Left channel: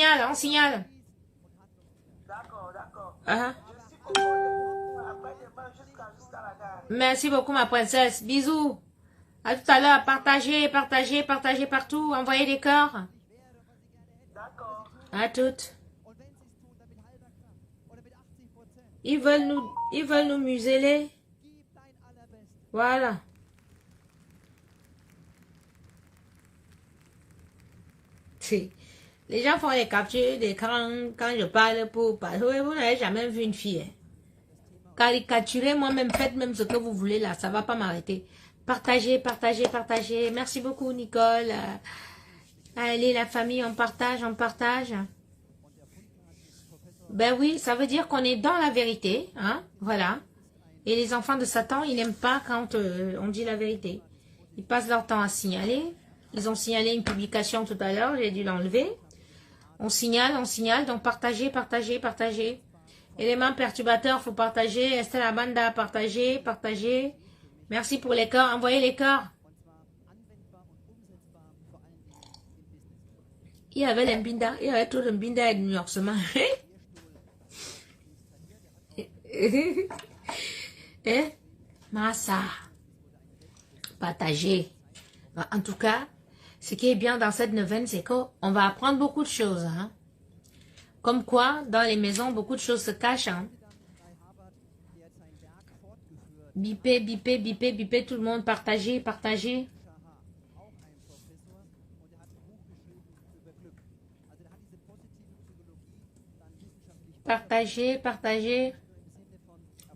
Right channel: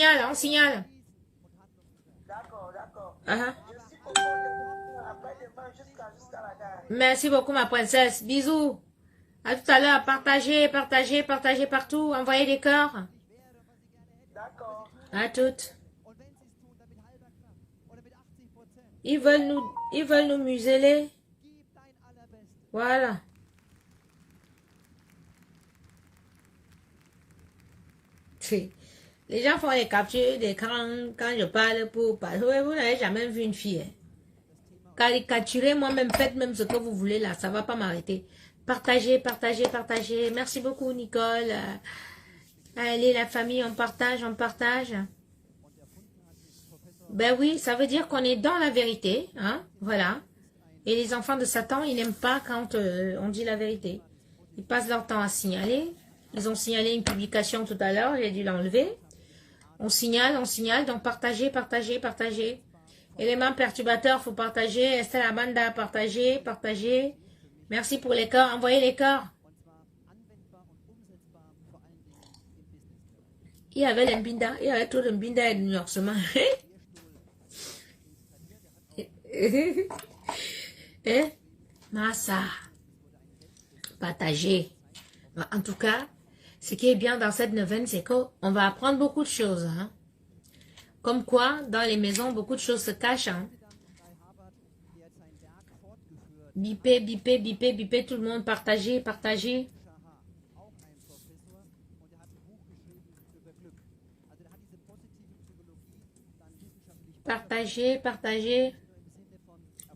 On signale. D'accord, d'accord. Uh-huh. Je suis content après-demain jusqu'à la gare. Merci beaucoup, ma princesse. Bisous. À tout à l'heure. Partagez, partagez, partagez partout. Envoyez des cœurs. D'accord. À toutes. Ils veulent nous museler. Voilà. Si. Les gens font les captures d'écran quand je parle pour parler. Vous n'avez jamais vu une fille. Hein. Caricaturez moi-même, faites même ce que vous voulez là, ça va pas m'arrêter. Partagez, partagez, partagez. Merci beaucoup Nicole. Allez la famille, on partage, on partage. Ben oui, ça veut dire qu'on est dans la vérité, hein, voilà. Et les enfants de Satan, ils n'aiment pas quand on dit la vérité. Ils passent leur temps à signaler. Ils ont signalé une publication tout à l'heure, j'ai dû l'enlever. On signale, donc partagez, partagez, partagez. Éléments perturbateurs, faut partager. Estelle Amanda, partagez, partagez. Merci pour les cœurs, envoyez les cœurs. Il y avait l'embinda, il y avait tout l'embinda et le nuancement. Eh? Massa. Partagez. En tout cas, ce qui est bien dans cette neuvaine, c'est qu'on va apprendre beaucoup de choses. Hein? Comme quoi, dans les maisons, beaucoup de choses se cachent. Hein? Bipez, bipez, bipez, bipez, tout le monde, partagez, partagez. Partagez, partagez.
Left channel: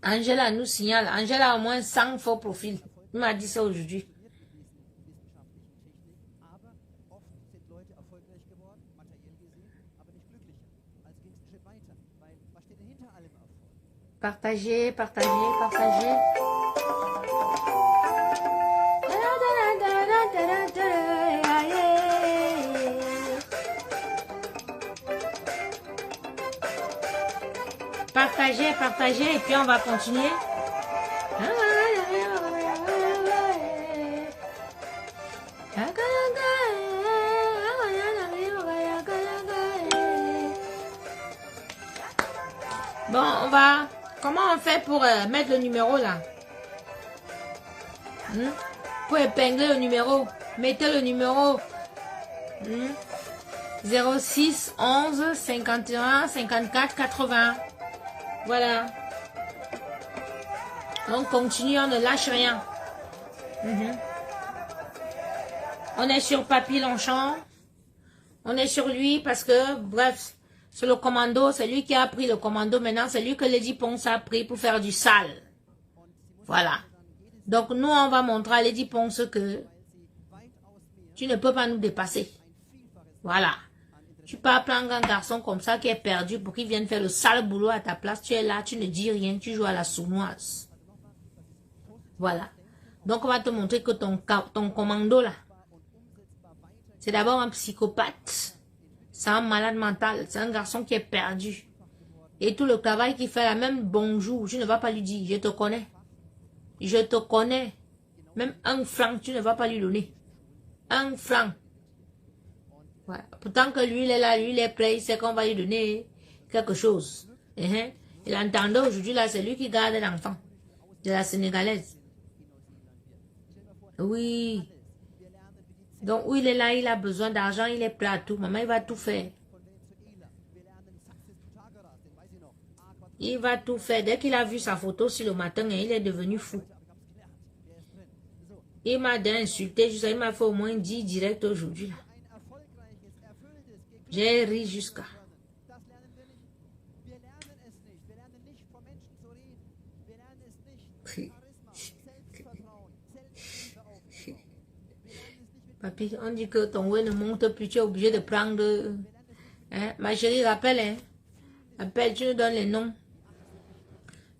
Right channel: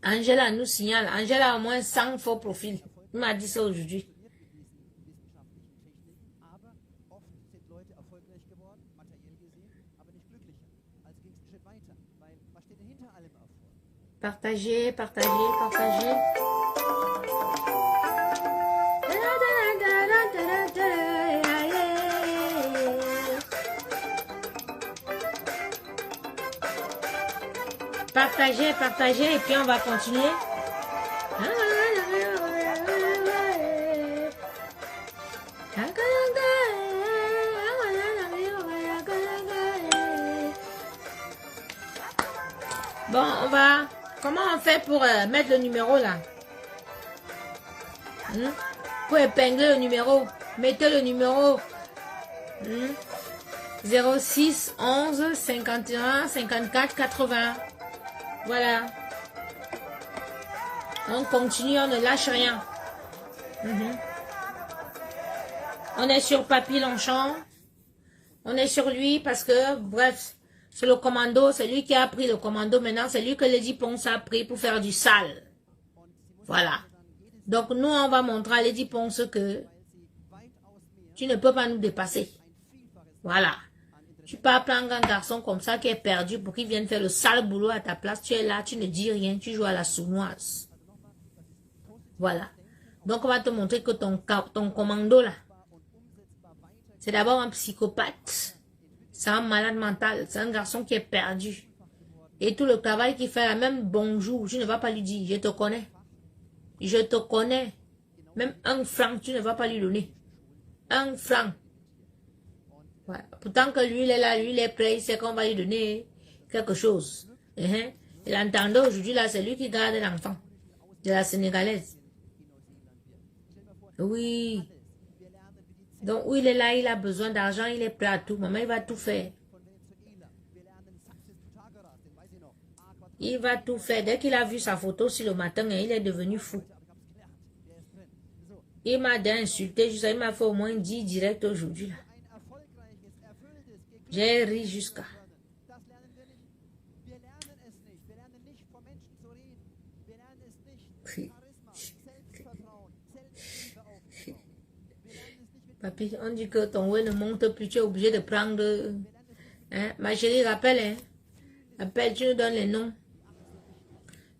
Angela nous signale. Angela a au moins 100 faux profils. Il m'a dit ça aujourd'hui. Partagez, partagez, partagez. Partagez, partagez, et puis on va continuer. Bon, on va... Comment on fait pour mettre le numéro là? Pour épingler le numéro. Mettez le numéro. 06 11 51 54 80. Voilà. On continue, on ne lâche rien. On est sur Papy Longchamp. On est sur lui parce que, bref, c'est le commando, c'est lui qui a pris le commando. Maintenant, c'est lui que Lady Ponce a pris pour faire du sale. Voilà. Donc, nous, on va montrer à Lady Ponce que tu ne peux pas nous dépasser. Voilà. Tu peux pas prendre un garçon comme ça qui est perdu pour qu'il vienne faire le sale boulot à ta place. Tu es là, tu ne dis rien, tu joues à la sournoise. Voilà. Donc, on va te montrer que ton commando là, c'est d'abord un psychopathe. C'est un malade mental. C'est un garçon qui est perdu. Et tout le travail qu'il fait là, même bonjour, tu ne vas pas lui dire, je te connais. Je te connais. Même un franc, tu ne vas pas lui donner. Un franc. Ouais. Pourtant que lui, il est là, lui, il est prêt, il sait qu'on va lui donner quelque chose. Et l'entendait aujourd'hui, là, c'est lui qui garde l'enfant de la Sénégalaise. Oui. Donc, où il est là, il a besoin d'argent, il est prêt à tout. Maman, il va tout faire. Il va tout faire. Dès qu'il a vu sa photo sur le matin, il est devenu fou. Il m'a insulté, il m'a fait au moins 10 directs aujourd'hui. Là. J'ai ri jusqu'à. Papi, on dit que ton web ne monte plus, tu es obligé de prendre... Hein? Ma chérie, rappelle, hein? Appelle, tu nous donnes les noms.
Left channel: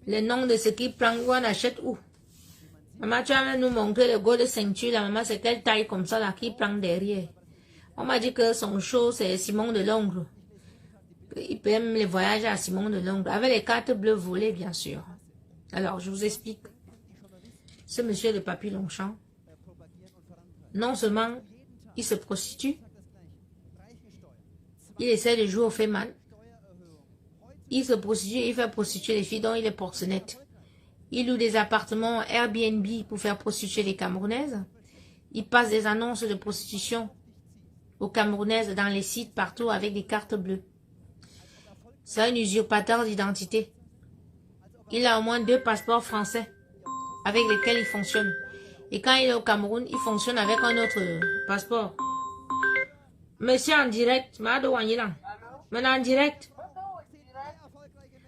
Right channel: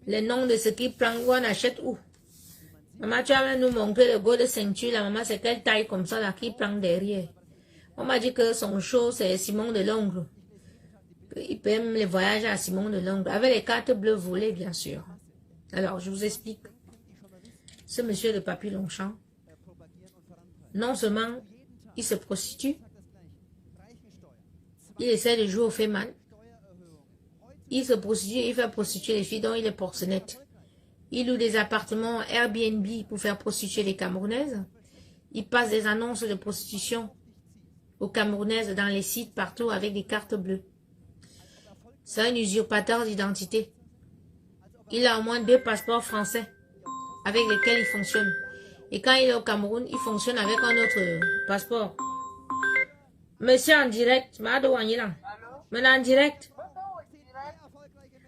Les noms de ce qui prend, où on achète où. Maman, tu vas nous montrer le go de ceinture, la maman, c'est quelle taille comme ça, là, qui prend derrière. On m'a dit que son show, c'est Simon de Longre. Il paie même les voyages à Simon de Longre, avec les cartes bleues volées, bien sûr. Alors, je vous explique. Ce monsieur de Papy Longchamp, non seulement il se prostitue, Il essaie de jouer au Féman. Il se prostitue, il fait prostituer les filles, donc il est proxénète. Il loue des appartements Airbnb pour faire prostituer les Camerounaises. Il passe des annonces de prostitution aux Camerounaises dans les sites partout avec des cartes bleues. C'est un usurpateur d'identité. Il a au moins 2 passeports français avec lesquels il fonctionne. Et quand il est au Cameroun, il fonctionne avec un autre passeport. Monsieur en direct, maintenant en direct.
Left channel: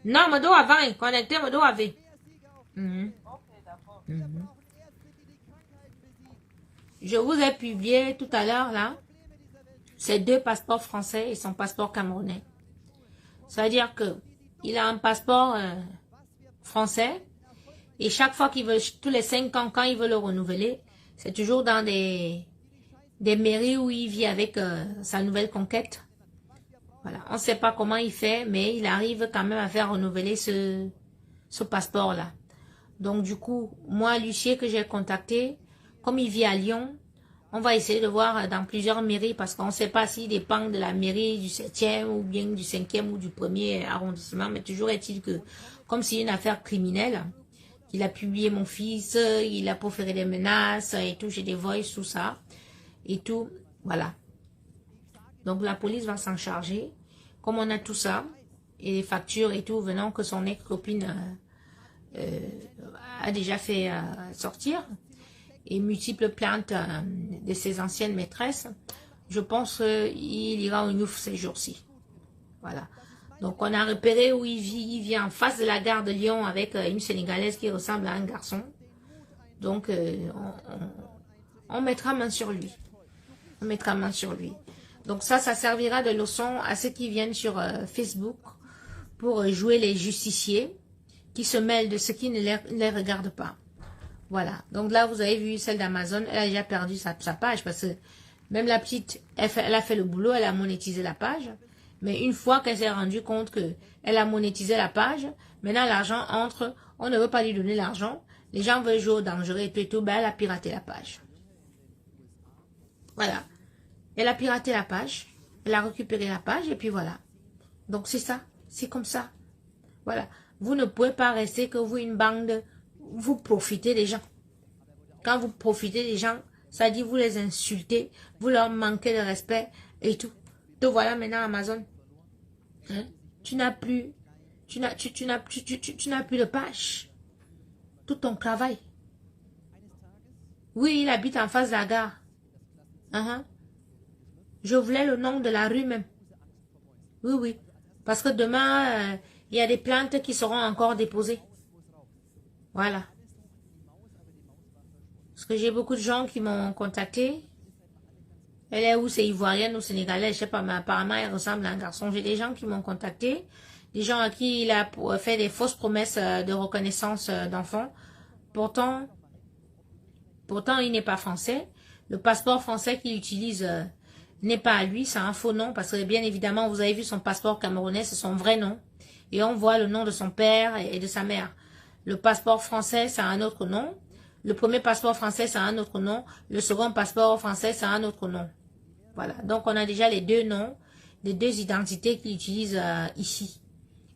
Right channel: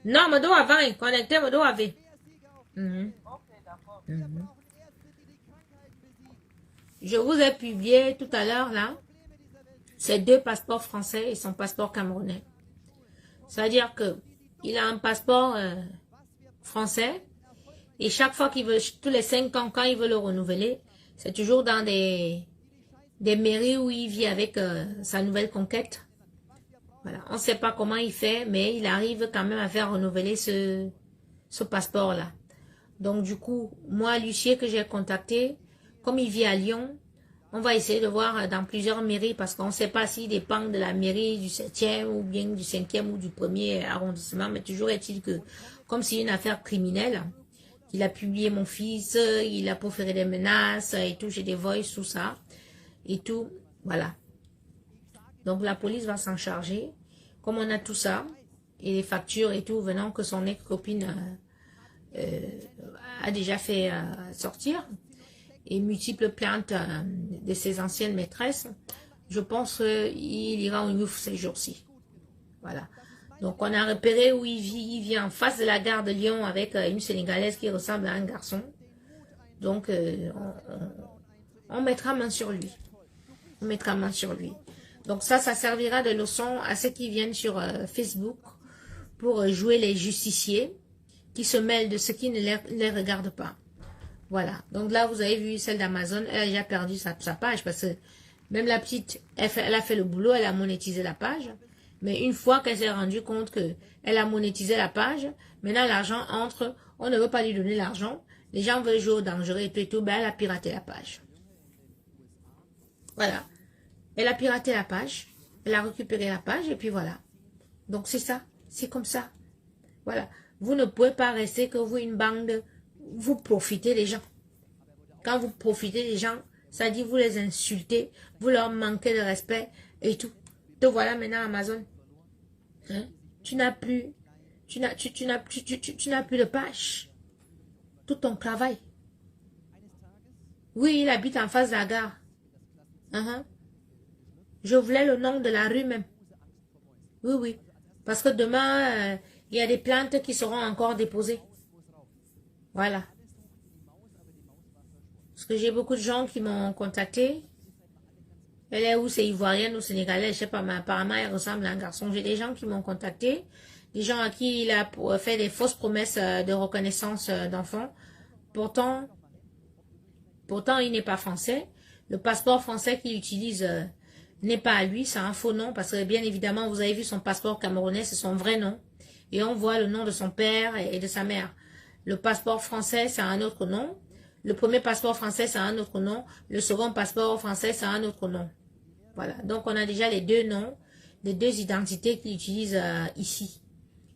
Non, me dois avant, connecté, me dois avec. Je vous ai publié tout à l'heure là, ces 2 passeports français et son passeport camerounais. C'est-à-dire que il a un passeport français et chaque fois qu'il veut, tous les 5 ans, quand il veut le renouveler, c'est toujours dans des mairies où il vit avec sa nouvelle conquête. Voilà, on ne sait pas comment il fait, mais il arrive quand même à faire renouveler ce passeport-là. Donc du coup, moi, l'huissier que j'ai contacté, comme il vit à Lyon, on va essayer de voir dans plusieurs mairies parce qu'on ne sait pas s'il dépend de la mairie du 7e ou bien du 5e ou du 1er arrondissement. Mais toujours est-il que, comme c'est une affaire criminelle, il a publié mon fils, il a proféré des menaces et tout, j'ai des voices, tout ça, et tout, voilà. Donc la police va s'en charger. Comme on a tout ça, et les factures et tout, venant que son ex-copine a déjà fait sortir, et multiples plaintes de ses anciennes maîtresses, je pense qu'il ira au Nouf ces jours-ci. Voilà. Donc on a repéré où il vit. Il vit en face de la gare de Lyon avec une Sénégalaise qui ressemble à un garçon. Donc on mettra main sur lui. On mettra main sur lui. Donc ça servira de leçon à ceux qui viennent sur Facebook pour jouer les justiciers qui se mêlent de ce qui ne les regarde pas. Voilà. Donc là, vous avez vu celle d'Amazon, elle a déjà perdu sa page parce que même la petite, elle a fait le boulot, elle a monétisé la page. Mais une fois qu'elle s'est rendue compte qu'elle a monétisé la page, maintenant l'argent entre, on ne veut pas lui donner l'argent, les gens veulent jouer au dangereux et tout, ben elle a piraté la page. Voilà. Elle a piraté la page, elle a récupéré la page et puis voilà. Donc c'est ça, c'est comme ça. Voilà. Vous ne pouvez pas rester que vous, une bande, vous profitez des gens. Quand vous profitez des gens, ça dit vous les insultez, vous leur manquez de respect et tout. Te voilà maintenant Amazon. Hein? Tu n'as plus de page. Tout ton travail. Oui, il habite en face de la gare. Je voulais le nom de la rue même. Oui, oui. Parce que demain, il y a des plaintes qui seront encore déposées. Voilà. Parce que j'ai beaucoup de gens qui m'ont contacté. Elle est où? C'est ivoirienne ou sénégalaise? Je sais pas, mais apparemment, elle ressemble à un garçon. J'ai des gens qui m'ont contacté. Des gens à qui il a fait des fausses promesses de reconnaissance d'enfants. Pourtant, il n'est pas français. Le passeport français qu'il utilise n'est pas à lui, c'est un faux nom. Parce que bien évidemment, vous avez vu son passeport camerounais, c'est son vrai nom. Et on voit le nom de son père et de sa mère. Le passeport français, c'est un autre nom. Le premier passeport français, c'est un autre nom. Le second passeport français, c'est un autre nom. Voilà. Donc, on a déjà les 2 noms, les 2 identités qu'il utilise ici.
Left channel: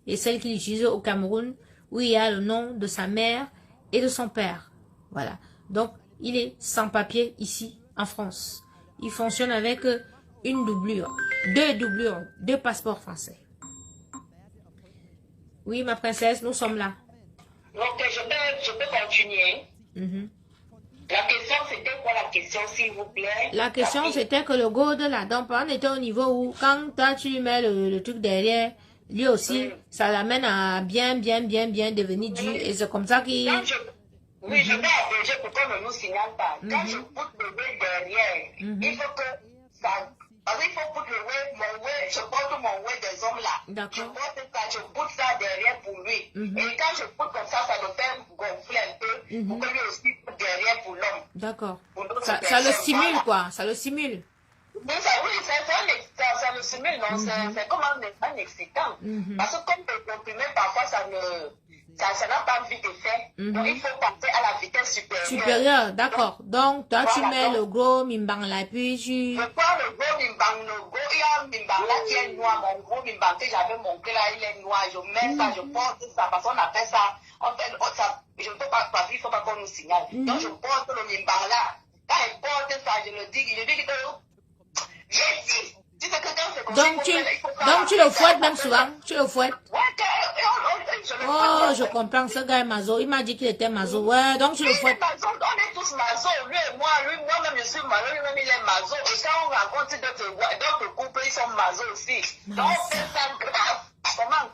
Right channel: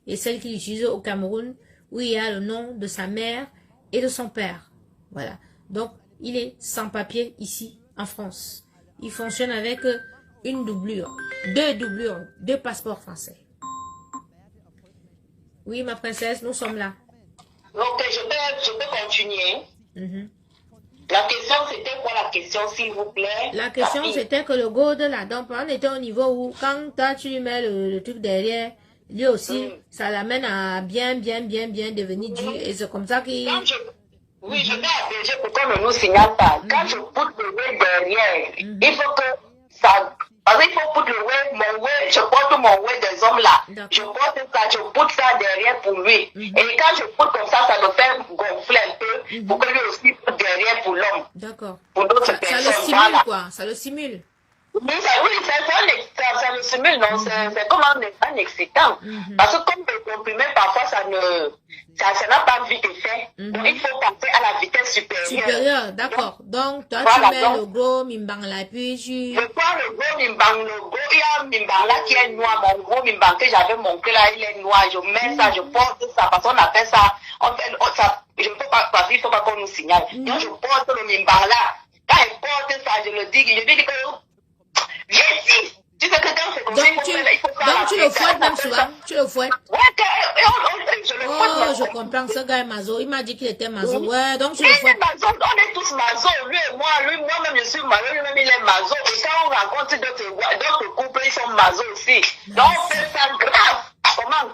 Et celle qu'il utilise au Cameroun, où il y a le nom de sa mère et de son père. Voilà. Donc, il est sans papier ici, en France. Il fonctionne avec une doublure. 2 doublures. 2 passeports français. Oui, ma princesse, nous sommes là. Donc, je peux continuer. La question, c'était quoi la question, s'il vous plaît? La question, c'était que le go de la donc on était au niveau où, quand toi, tu lui mets le truc derrière, lui aussi, ça l'amène à bien devenir dur. Et c'est comme ça qu'il... Oui, je vais appeler pour qu'on ne nous signale pas. Quand je pousse le web derrière, il faut que ça... Parce qu'il faut poutre le web, je porte mon web des hommes là. Je porte ça, je poutre ça derrière pour lui. Et quand je poutre comme ça le fait gonfler un peu pour que lui aussi poutre derrière pour l'homme. D'accord. Ça le simule quoi, ça le simule. Oui, ça me simule, non, c'est comme un excitant. Parce que comme le comprimé, parfois, ça n'a pas vite fait. Donc, il faut passer à la vitesse supérieure. D'accord. Donc, toi, tu mets le gros mimbang là, puis tu... Je prends le gros mimbang, il y a un mimbang là qui est noir, mon gros mimbang que j'avais montré là, il est noir. Je mets ça, je porte ça, parce qu'on appelle ça, ça, je ne peux pas, parce qu'il ne faut pas qu'on nous signale. Donc, je porte le mimbang là. Quand je porte ça, je dis que, viens ici. Tu sais que quand c'est comme ça, donc tu le fouettes même souvent, tu le fouettes. Ouais, je le fouette. Oh, je comprends, ce gars est mazo. Il m'a dit qu'il était mazo. Ouais, donc tu le fouettes. On est tous mazo, lui et moi-même je suis mazo, lui-même il est mazo. Et quand on rencontre d'autres couples, ils sont mazo aussi. Donc c'est ça grave. Comment?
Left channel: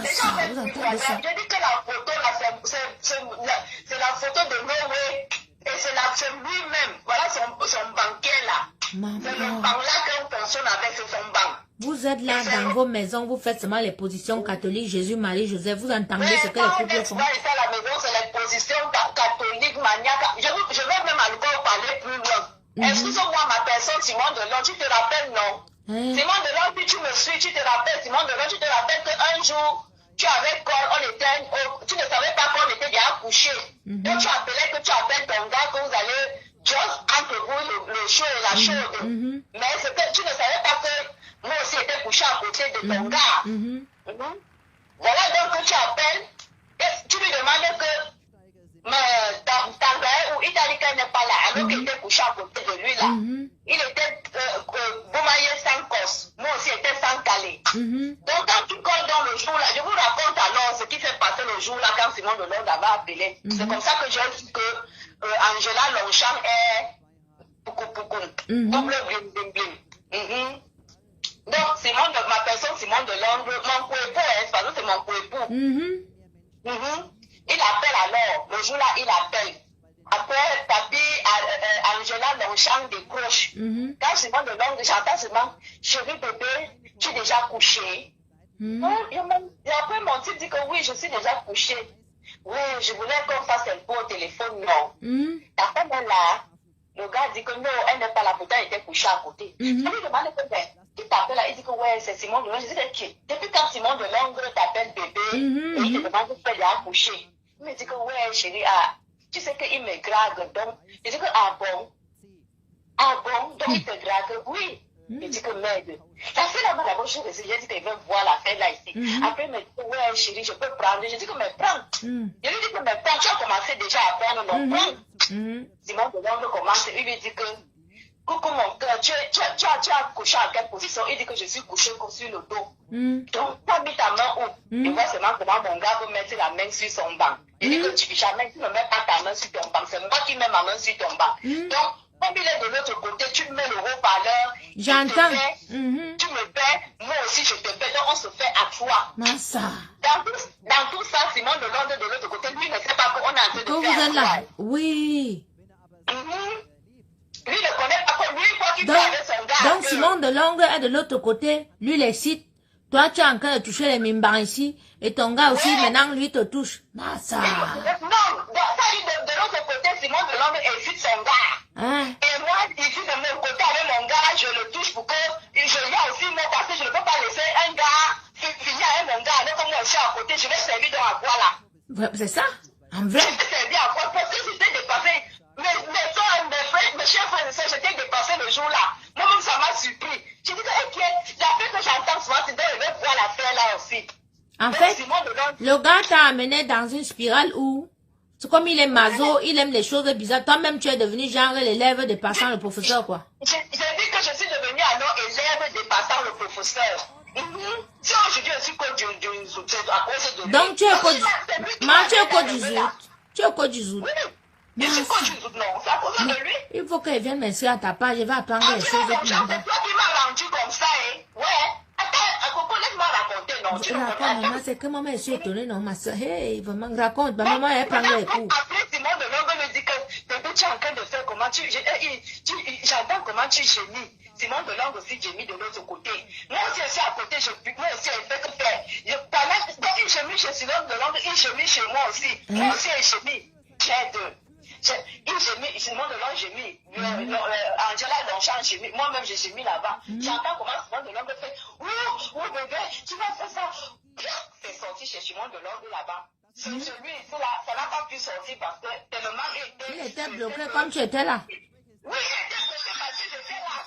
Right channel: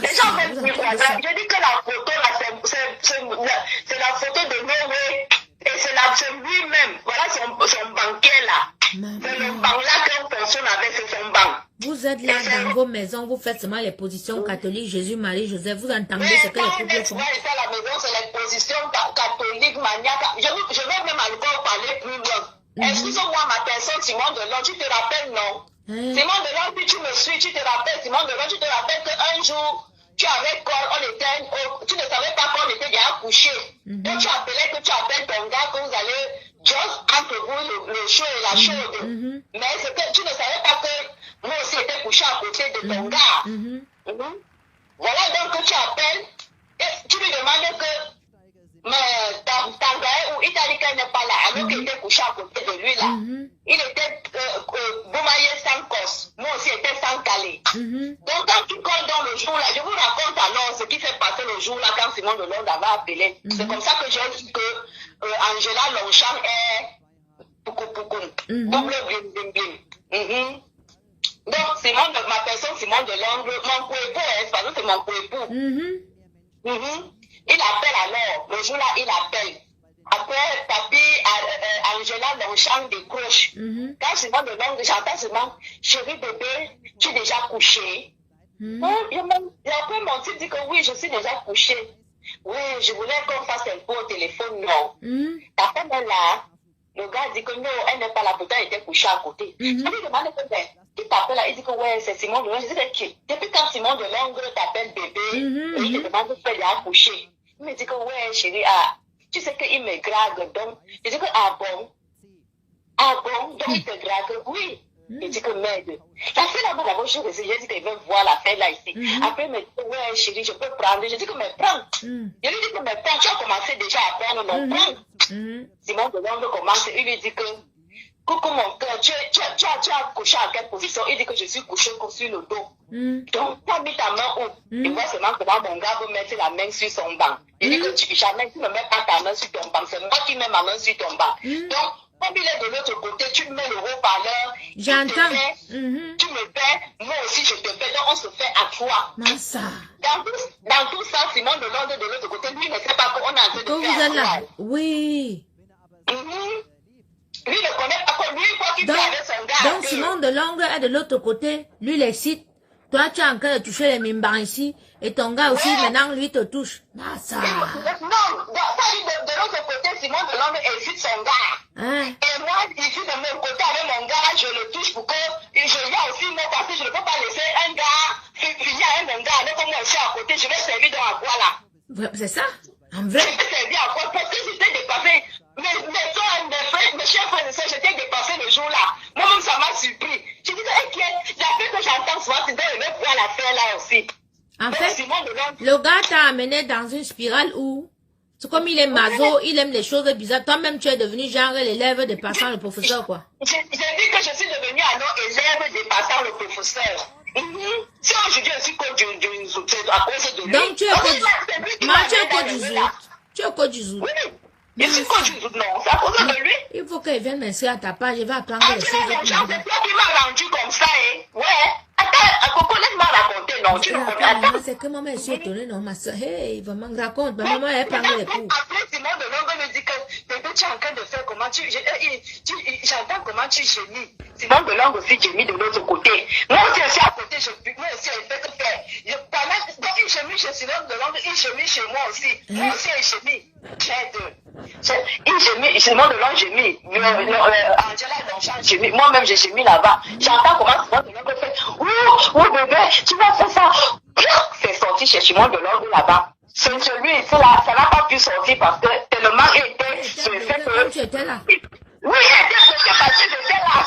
Les gens sont plus grave. Je dis que la photo là, c'est la photo de Noé. Et c'est lui-même. Voilà son banquier là. C'est le banc là qu'on fonctionne avec, c'est son banc. Vous êtes là dans vos maisons, vous faites seulement les positions catholiques, Jésus, Marie, Joseph, vous entendez ce que les couples font. Ici à la maison, c'est les positions catholiques, maniaques. Je vais même encore parler plus loin. Excuse-moi, ma personne, Simon Delon, tu te rappelles, non? Simon Delon, puis tu me suis, tu te rappelles, Simon Delon, tu te rappelles qu'un jour, tu avais tu ne savais pas qu'on était déjà couché. Donc tu appelais que tu appelles ton gars, que vous allez juste entre vous le chaud et la chaude. Mais c'est que tu ne savais pas que moi aussi j'étais couché à côté de ton gars. Voilà donc que tu appelles et tu lui demandes que ta gars ou il t'a dit qu'elle n'est pas là, alors qu'il était couché à côté de lui là. Il était Boumaillé sans cos, moi aussi j'étais sans calé. Donc quand tu colles dans le jour là, je vous raconte alors ce qui s'est passé le jour là quand Simon Delon avait appelé. C'est comme ça que j'ai dit que Angela Longchamp est double bling bling. Donc Simon, ma personne Simon Delon, mon coépo, parce que c'est mon coépo. Il appelle alors, le jour là il appelle. Après, papi, Angela Longchamp décroche. Quand Simon Delon, j'entends seulement, chérie bébé, tu es déjà couché. Après, mon type dit que oui, je suis déjà couché. Oui, je voulais qu'on fasse un peu au téléphone, non. Après, là, le gars dit que non, elle n'est pas là, pourtant elle était couchée à côté. Je lui demande il t'appelle là, il dit que ouais, c'est Simon Delon. Je dis que depuis quand Simon Delon t'appelle bébé, et il te demande pourquoi il est couché. Il me dit que ouais, chérie, tu sais qu'il me drague, donc. Je dis que ah bon, donc il te drague, oui. Il dit que merde. La fille là-bas, d'abord, je dis qu'il veut voir la fête là ici. Après, il me dit, ouais, chérie, je peux prendre. Je dis que me prends. Je lui dis que me prends, tu as commencé déjà à prendre le prends. Simon Delon commence, il lui dit que, coucou mon cœur, tu as couché à quelle position? Il dit que je suis couché sur le dos. Donc, tu as mis ta main où? Il voit seulement comment mon gars veut mettre la main sur son banc. Il dit que jamais tu ne mets pas ta main sur ton banc, c'est moi qui mets ma main sur ton banc. Donc, comme il est de l'autre côté, tu mets le haut-parleur. J'entends. Tu me fais, moi aussi je te fais, donc on se fait à trois. Massa. Dans tout ça, Simon Delon de l'autre côté, lui ne sait pas qu'on est en train de faire. Vous êtes là? Oui. Lui ne connaît pas quoi, lui, quoi qu'il fait avec son gars. Donc, Simon Delon est de l'autre côté, lui l'excite. Toi, tu es en train de toucher les mimbans ici, et ton gars aussi, maintenant, lui te touche. Massa. Non, de l'autre côté, Simon Delon excite son gars. Et moi, ici, de mon côté, avec mon gars, je le touche pour que je viens aussi, mais parce que je ne peux pas laisser un gars, il y a un gars, avec moi aussi à côté, je vais servir dans la voie là. C'est ça? En vrai? Je vais servir à quoi? Parce que j'étais dépassé. Mes chers frères et sœurs, j'étais dépassé le jour là. Moi-même, ça m'a surpris. Je disais, ok, d'après que j'entends souvent, c'est de voir la faire là aussi. En fait, le gars t'a amené dans une spirale où, c'est comme il est maso, il aime les choses bizarres. Toi-même, tu es devenu genre l'élève dépassant le professeur, quoi. J'ai dit que je suis devenu alors élève dépassant le professeur. Si aujourd'hui je suis code du à cause de lui. Donc, tu es code du zout. Tu es code du zout. Oui. Il faut que non, c'est à cause de lui. Il faut qu'elle vienne m'inscrire à ta page, je vais apprendre les choses. C'est toi qui m'as rendu comme ça, hein. Ouais. Attends, Coco, laisse-moi raconter, non. Tu maman, c'est que maman, je suis étonnée, non, ma soeur. Hey, vraiment, raconte. Ma maman, elle prend les coups. Après, Simon Delon me dit que tu es en train de faire comment j'entends comment tu gémis. Simon Delon aussi gémit de l'autre côté. Moi aussi, je suis à côté, moi aussi, je fais que faire. Quand il gémit chez Simon Delon, il gémit chez moi aussi. Moi aussi, il gémit. Il gémit, Simon Delon gémit. Angela Donchon gémit. Moi-même, j'ai gémi là-bas. J'entends comment Simon Delon fait. Oh, bébé, tu vas faire ça. C'est sorti chez Simon Delon là-bas. C'est celui ici là, ça n'a pas pu sortir parce que tellement il était. Comme tu étais là. Oui, il était bloqué parce que j'étais là.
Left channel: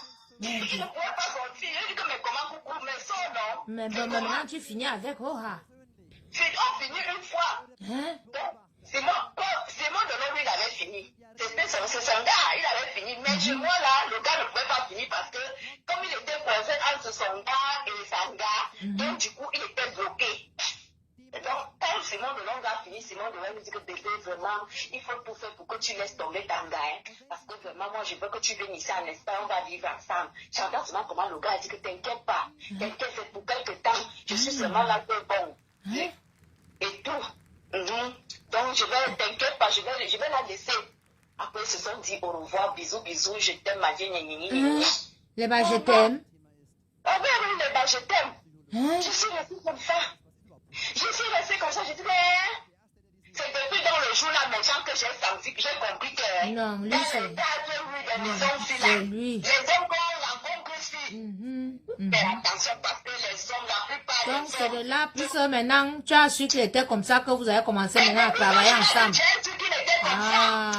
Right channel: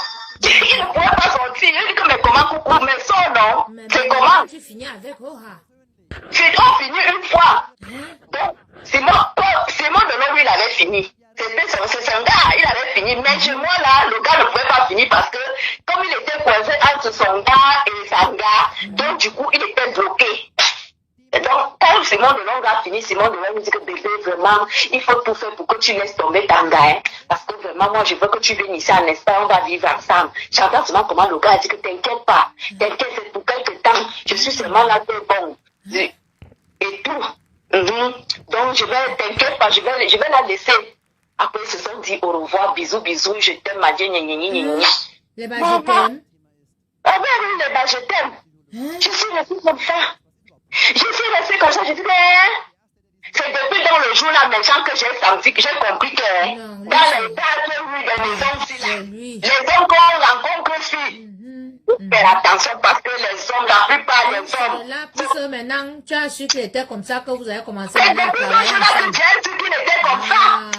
Il ne pouvait pas sortir. Je dis que mais comment coucou, mais son non. C'est comment tu finis avec Oha. On finit une fois. Donc, Simon Delon, lui, il avait fini. C'est un gars, il avait fini. Mais chez moi, là, le gars ne pouvait pas finir parce que, comme il était coincé entre son gars et sa gars, donc du coup, il était bloqué. Et donc, quand Simon Delon a fini, Simon Delon me dit que bébé, vraiment, il faut tout faire pour que tu laisses tomber ta gars. Hein, parce que vraiment, moi, je veux que tu viennes ici en Espagne, on va vivre ensemble. J'entends seulement comment le gars a dit que t'inquiète pas, t'inquiète, c'est pour quelque temps. Je suis seulement là, t'es bon. Et tout. Donc, t'inquiète pas, je vais la laisser. Après, ils se sont dit au revoir, bisous, bisous, je t'aime, ma Dieu, les bas, je t'aime. Ah oui, les bas, je t'aime. Je suis restée comme ça. Je suis restée comme ça, je dis, c'est depuis dans le jour là, maintenant que j'ai senti, que j'ai compris que dans les tas, les hommes qu'on rencontre ici. Fais attention parce que les hommes, la plupart des hommes. C'est de là, plus maintenant, tu as su qu'il était comme ça que vous avez commencé maintenant à travailler ensemble. J'ai su qu'il était comme ça.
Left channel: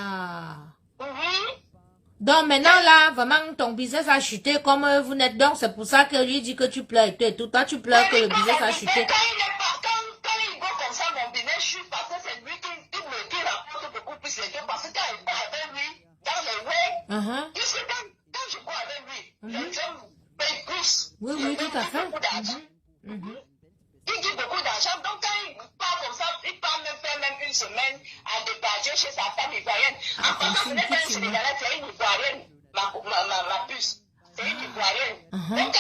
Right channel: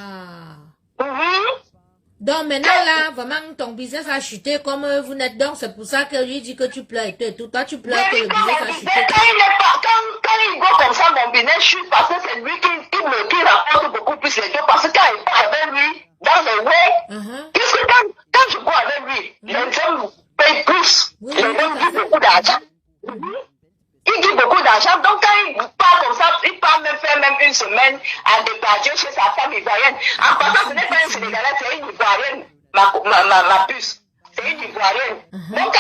Donc maintenant là, vraiment ton business a chuté comme vous n'êtes donc, c'est pour ça que lui dit que tu pleures et tout et tout. Toi tu pleures que le business a chuté. Quand il go comme ça, mon business chute parce que c'est lui qui rapporte beaucoup plus les deux. Parce que quand il part avec lui, dans le way, qu'est-ce que quand je go avec lui, les hommes payent plus. Les hommes disent beaucoup d'argent. Il dit beaucoup d'argent, donc quand il part comme ça, il part même faire même une semaine à départir chez sa femme ivoirienne. En passant, ce n'est pas une Sénégalaise, c'est une ivoirienne, ma puce. C'est une ivoirienne. Donc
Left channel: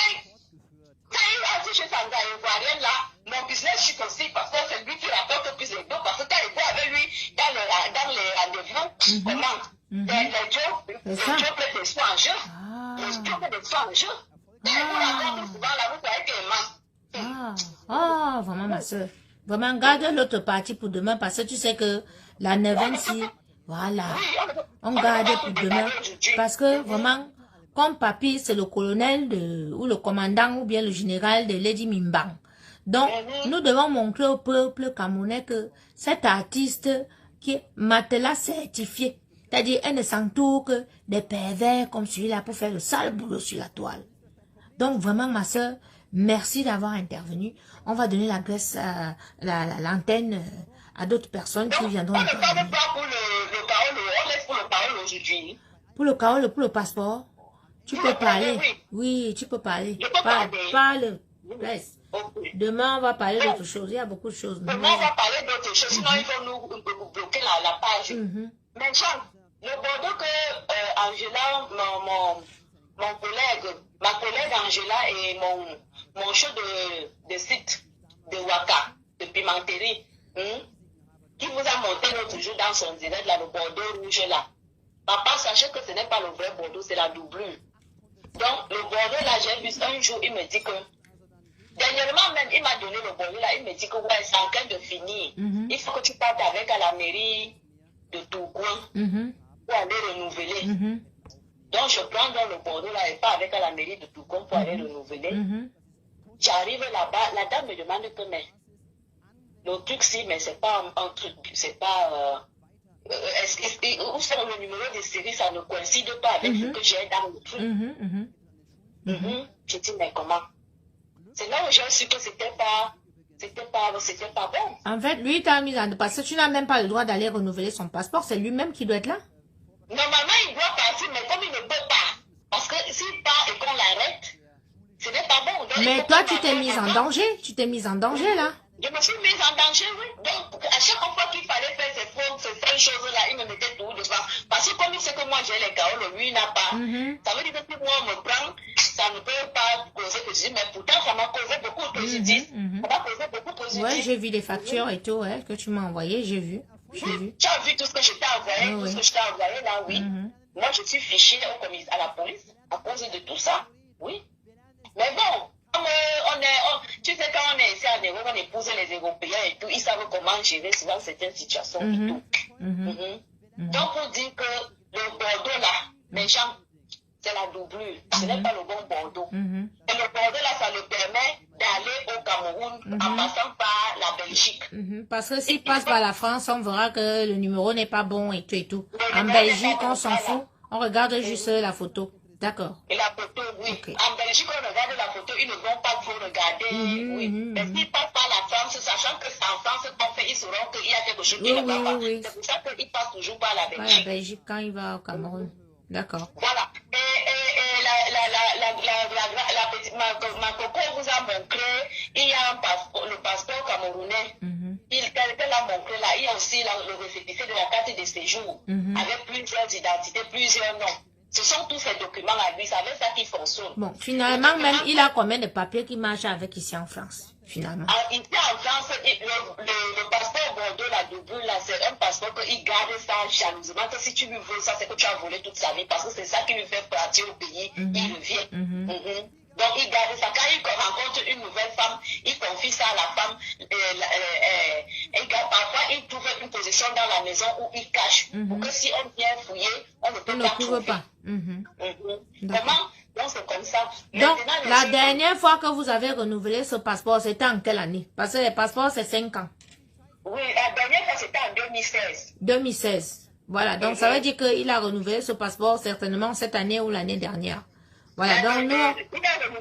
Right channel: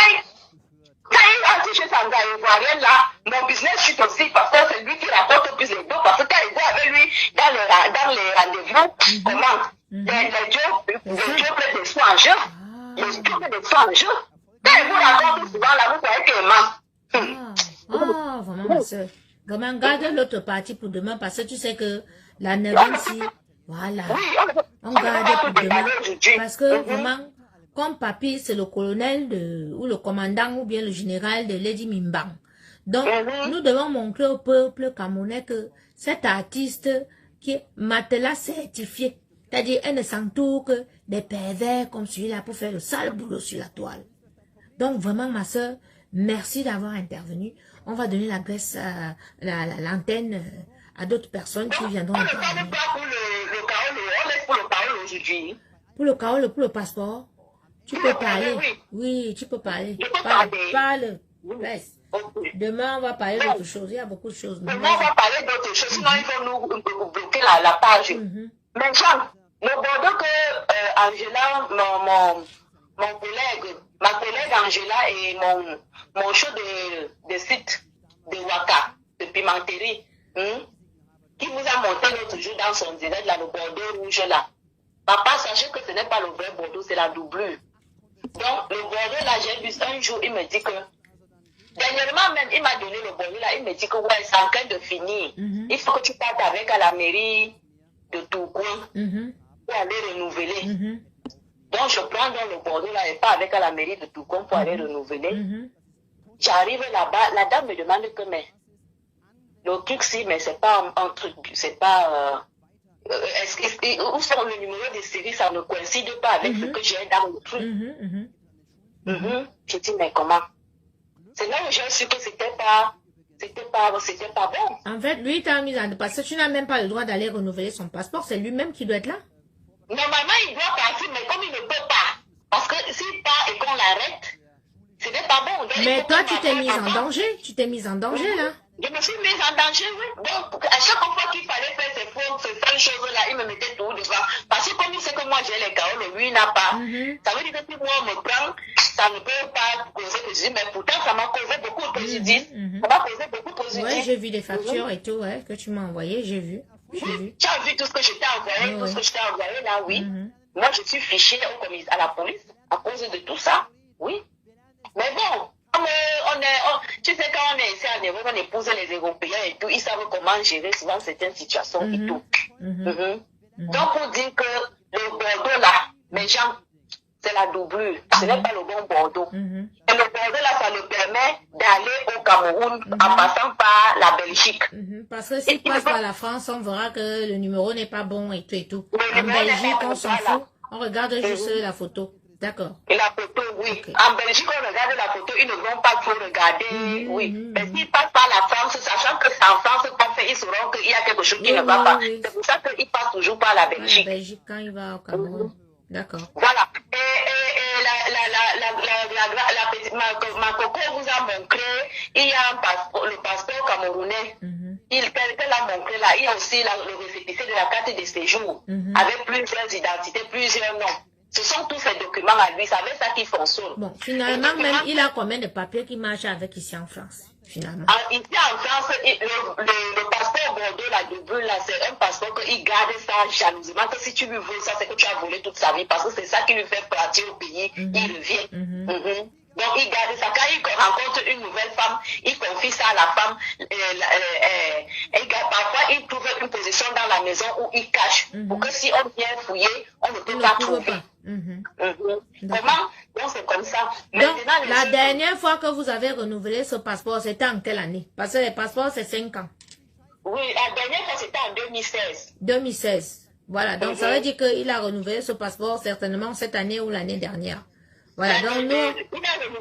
quand il rentre chez sa ivoirienne là, mon business chute aussi parce que c'est lui qui rapporte plus les deux. Parce que quand il va avec lui dans les rendez-vous, comment les jobs prennent des soins en jeu. Les jobs prennent des soins en jeu. Quand il vous raconte souvent là, vous voyez qu'il ment. Vraiment ma soeur. Vraiment, garde l'autre partie pour demain parce que tu sais que la 9e, voilà, on garde pour demain. Parce que vraiment, comme papy, c'est le colonel ou le commandant ou bien le général de Lady Mimbang. Donc, nous devons montrer au peuple camerounais que cet artiste qui est matelas certifié, c'est-à-dire elle ne s'entoure que des pervers comme celui-là pour faire le sale boulot sur la toile. Donc, vraiment, ma soeur, merci d'avoir intervenu. On va donner la grâce, l'antenne à d'autres personnes qui viendront intervenir. Pour le carreau, pour le passeport, tu peux parler. Oui, tu peux parler. Parle. Demain, on va parler d'autres choses. Il y a beaucoup de choses. Demain, on va parler d'autres choses. Sinon, il faut nous bloquer la page. Maintenant, le bordeaux que Angela, ma collègue Angela et mon show de site de Waka, de pimenterie, qui vous a monté l'autre jour dans son direct, là, le bordeaux rouge là. Papa, sachez que ce n'est pas le vrai bordeaux, c'est la doublure. Donc, le bordeaux là, j'ai vu un jour, il me dit que, dernièrement même, il m'a donné le bordeaux là, il me dit que ouais, c'est en train de finir. Il faut que tu partes avec à la mairie de Tourcoing pour aller renouveler. Donc, je prends dans le bordeaux là et pas avec à la mairie de Tourcoing pour aller renouveler. J'arrive là-bas, la dame me demande que, mais, le truc si, mais c'est pas un truc, c'est pas, où sont le numéro de série, ça ne coïncide pas avec ce que j'ai dans le truc. Je dis, mais comment? C'est là où j'ai su que c'était pas bon. En fait, lui, t'as mis en... Parce que tu n'as même pas le droit d'aller renouveler son passeport, c'est lui-même qui doit être là. Normalement, il doit partir, mais comme il ne peut pas, parce que s'il part et qu'on l'arrête, ce n'est pas bon. Donc, mais toi, tu t'es mise en danger. Tu t'es mise en danger, là. Je me suis mise en danger, oui. Donc, à chaque fois qu'il fallait faire ces choses-là, il me mettait tout devant. Parce que comme il sait que moi, j'ai les carreaux, lui, il n'a pas. Ça veut dire que si moi, on me prend, ça ne peut pas causer préjudice. Mais pourtant, ça m'a causé beaucoup de préjudice. Ça m'a causé beaucoup de préjudice. Oui, j'ai vu les factures et tout, ouais, que tu m'as envoyé, j'ai vu. Tu as vu tout ce que je t'ai envoyé, tout ce que je t'ai envoyé là, oui. Moi, je suis fichée à la police à cause de tout ça, oui. Mais bon, tu sais, quand on est ici à Néo, on épouse les Européens et tout, ils savent comment gérer souvent certaines situations et tout. Donc, pour dire que le Bordeaux là, mes gens, c'est la doublure. Ce n'est pas le bon Bordeaux. Et le Bordeaux là, ça le permet d'aller au Cameroun en passant par la Belgique. Parce que s'il passe par la France, on verra que le numéro n'est pas bon et tout. En Belgique, on s'en fout. On regarde juste la photo. D'accord. Et la photo, oui. Okay. En Belgique, on regarde la photo, ils ne vont pas trop regarder, oui. Mais s'ils passent par la France, sachant que c'est en France qu'on fait, ils sauront qu'il y a quelque chose qui ne va pas. C'est pour ça qu'ils passent toujours par la Belgique. La Belgique, quand il va au Cameroun. D'accord. Voilà. Ma coco vous a montré, il y a un passeport, le passeport camerounais. Il l'a montré là. Il y a aussi le récépissé de la carte de séjour avec plusieurs identités, plusieurs noms. Ce sont tous ces documents à lui, c'est avec ça qu'il fonctionne. Bon, finalement, même, il a combien de papiers qui marchent avec ici en France, finalement? Ici en France, le passeport Bordeaux, la double, là, c'est un passeport qu'il garde ça jalousement. Que si tu lui voles ça, c'est que tu as volé toute sa vie, parce que c'est ça qui lui fait partir au pays, il revient. Donc, il garde ça. Quand il rencontre une nouvelle femme, il confie ça à la femme. Parfois, il trouve une position dans la maison où il cache. Pour que si on vient fouiller, on ne peut pas trouver. Comment? Donc, c'est comme ça. Donc, la dernière fois que vous avez renouvelé ce passeport, c'était en quelle année? Parce que les passeports, c'est 5 ans. Oui, la dernière fois, c'était en 2016. 2016. Voilà. Donc, ça veut dire qu'il a renouvelé ce passeport certainement cette année ou l'année dernière. Voilà, donc